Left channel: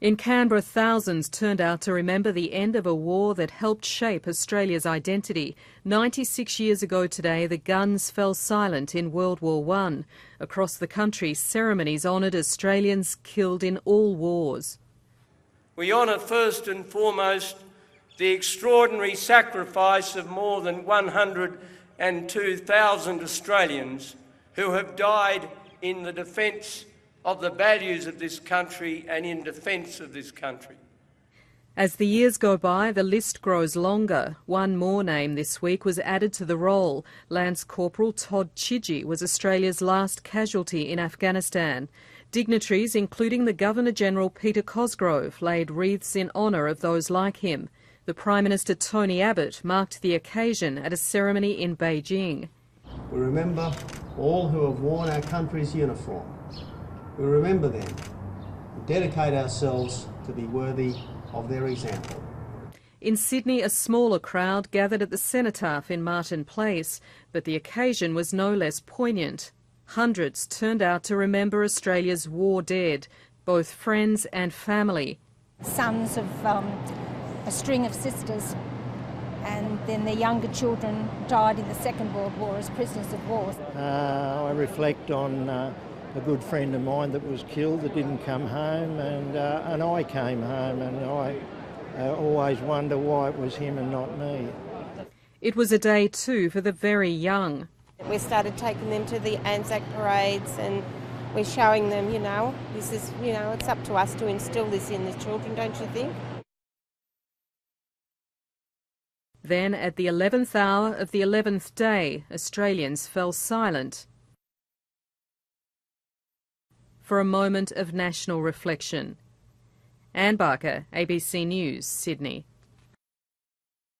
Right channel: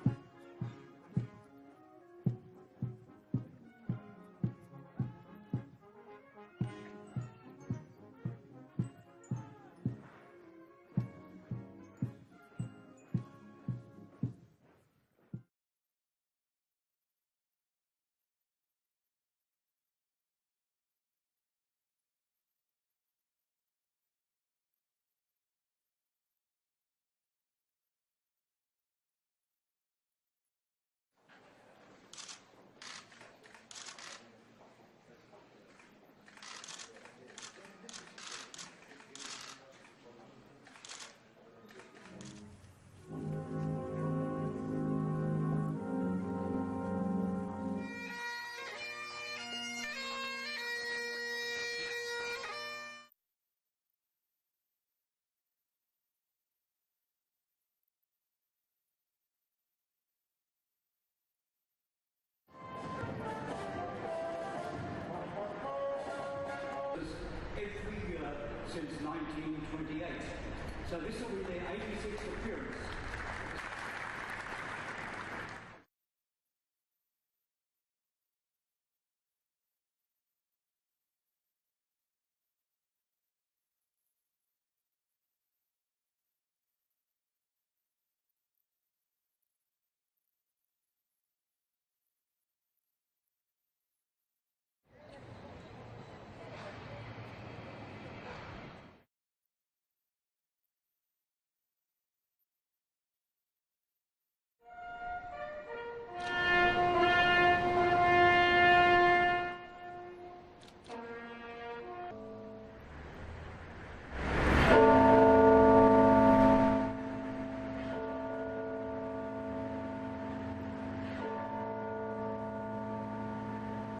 In Canberra, thousands turned out to remember the end of a war that helped shape Australia's identity. 96 years ago today, the guns fell silent in World War I. Across the country, ceremonies honoured Australians killed in all wars. We honour first and foremost the extraordinary sacrifice of more than 102,000 Australians who have died in the defence of the values of this country and in defence of this country. As the years go by, the list grows longer. One more name this week was added to the roll. Lance Corporal Todd Chidgey was Australia's last casualty in Afghanistan. Dignitaries, including the Governor-General Peter Cosgrove, laid wreaths in honour of those like him. The Prime Minister Tony Abbott marked the occasion at a ceremony in Beijing. We remember all who have worn our country's uniform. We remember them and dedicate ourselves to be worthy of their example. In Sydney, a smaller crowd gathered at the Cenotaph in Martin Place, but the occasion was no less poignant. Hundreds turned out to remember Australia's war dead, both friends and family. Sons of a string of sisters, and then their younger children died in the Second World War as prisoners of war. I reflect on a good friend of mine that was killed that didn't come home, and I came home, and I always wonder why it was him and not me. It was a day too for the very young. We started taking them to the Anzac parades, and we're showing them, this is, it's up to us to instil this in the children, don't you think? Then, at the 11th hour of the 11th day, Australians fell silent for a moment of national reflection. Anne Barker, ABC News, Sydney.